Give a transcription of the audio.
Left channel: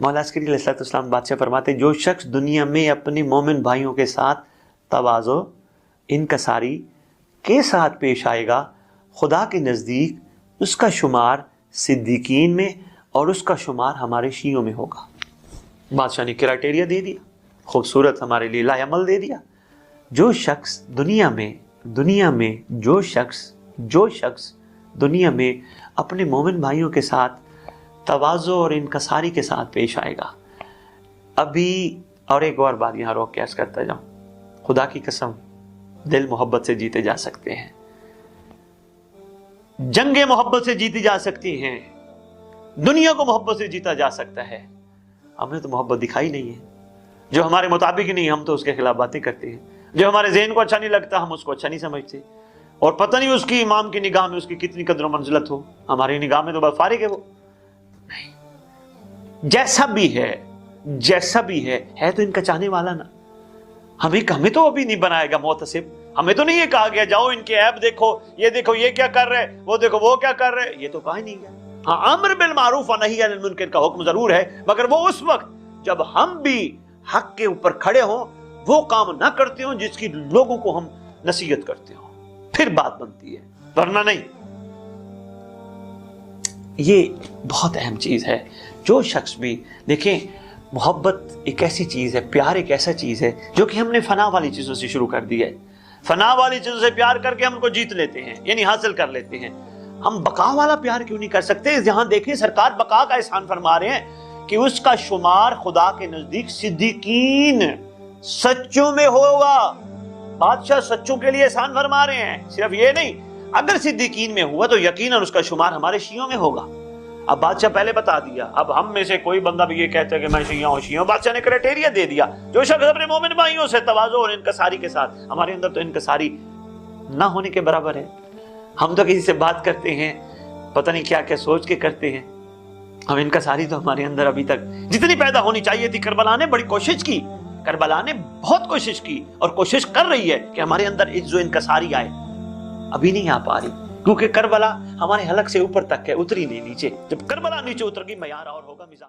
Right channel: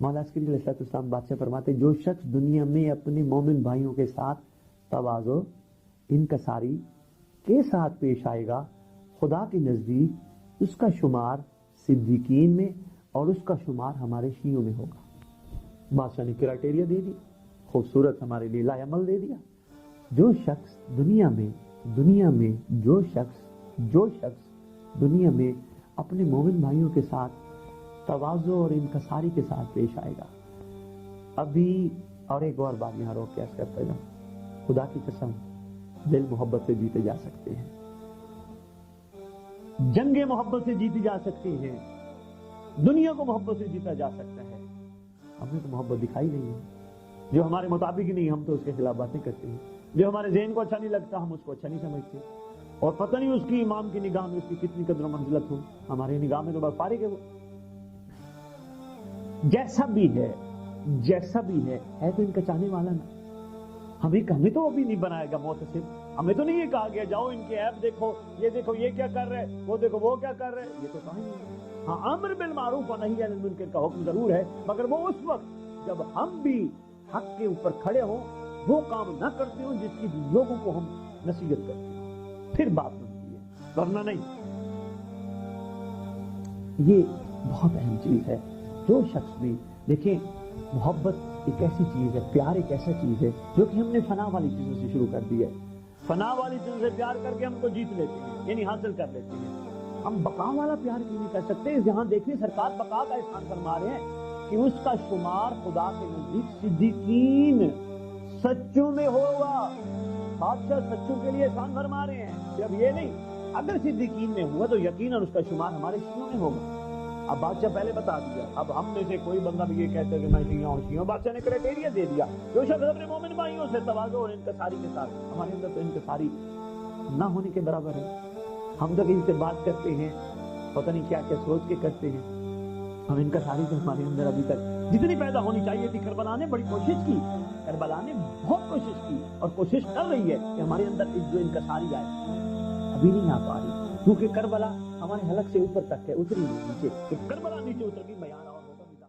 मौला अस्करी अलैहिस्सलाम बादशाह फरमाते, जो शख्स दुनिया में अपने मोमिन भाइयों के साथ तवाज़ो इनकसारी के साथ पेश आएगा, खुदा के नज़दीक उसका शुमार सिद्दीकीन में और उसका शुमार हमारे शियों में होगा। बादशाह ने क्राइटेरिया दे दिया, खूबसूरत हमारे लिए लाएमल दे दिया। जो शख्स दुनिया में जो शख्स दुनिया में अपने मोमिन भाइयों के साथ तवाज़ो और इनकसारी के साथ पेश आएगा। अभी और एक और बात यहाँ रोक के अर्ज़ करता जाऊँ, खुदा की कसम दिल मोहब्बत से जीते जा सकते हैं, जंगे मोहब्बत से जीती जा सकती हैं, दुनिया को मोहब्बत से जीता जा सकता है। हमने तो मोहब्बत दिखाई नहीं है, जो हमारे मुताबिक नहीं हम तो उसके खिलाफ बातें करते हैं, जो हमारे ज़हन को अच्छा नहीं लगता हम उसको अच्छा नहीं समझते, और पता नहीं उसकी इमाम की निगाह में उसकी कितनी कदर मंजिलत हो, हमारी निगाह में तो बस फारिग है वो। जैसा भी है तो इनका चाहने वाला ना। हमें तो अभी नहीं बनाएगा मुतसिब, हमें तो नहीं ये कहा गया जाओ इनके ऐप देखो ये क्या कर रहे, वो देखो वो क्या कर रहे, ये तो कहा ही नहीं है। हाँ, अम्र बिल मारूफ व नही अनिल मुनकर का हुक्म जरूर है, मगर वो उस वक्त जब हम भी हक के ऊपर खड़े हों, वो काम ना करते हो जिसकी लोगों को हम नसीहत करते हो, फिर बात बनती है, वरना नहीं। ये बहुत अहम चीज है। जो शख्स भी देखें, मोहब्बत एक ऐसी चीज है, प्यार एक ऐसा चीज है जो कि हमने फना वाली चीजों से शुरू कर दी है। फना वाली चीजों से प्यार करके हम उनको जीत लेते हैं, यानी हासिल कर लेते हैं। हम बका वाला प्यार क्यों नहीं कर सकते? जहां देखें सरकार बका का एहसान फरमा रहे हैं कि उसका शुमार खुदा के नजदीक सिद्दीकीन सच्चों में होगा। बादशाह सच्चों के लिए एहसान फरमा रहे हैं। सिर्फ ये नहीं, अगर सिद्दीकीन में हुआ तो यकीनन उसका शुमार हमारे शियों में होगा। अब बादशाह पहले बता दिया, अब हम में से कोई बंदा भी ये कहता है कि मैं शिया हूं, बादशाह ने क्राइटेरिया दे दिया, जो शख्स अपने मोमिन भाइयों से तवाज़ो और इनकसारी के साथ, हमारे अंदर तो इनकसारी ना होने के बराबर है। हम तो किसी से बात करते हैं, पता नहीं क्या क्या सोच के करते हैं। हम इनकसारी तो हमारे अंदर अभी तक जितनी पैदा होनी चाहिए थी, करबला ने बड़ी कोशिश की, करबला ने बहुत कोशिश की और कोशिश कर रही है कि हमारे अंदर इज्जो इनकसारी आए, अभी नहीं आ पा रही, क्योंकि करबला हमारे हलक से ऊपर तक है, उतरी नहीं नीचे। जब करबला नीचे उतर गई, मयार और होगा मिजाज।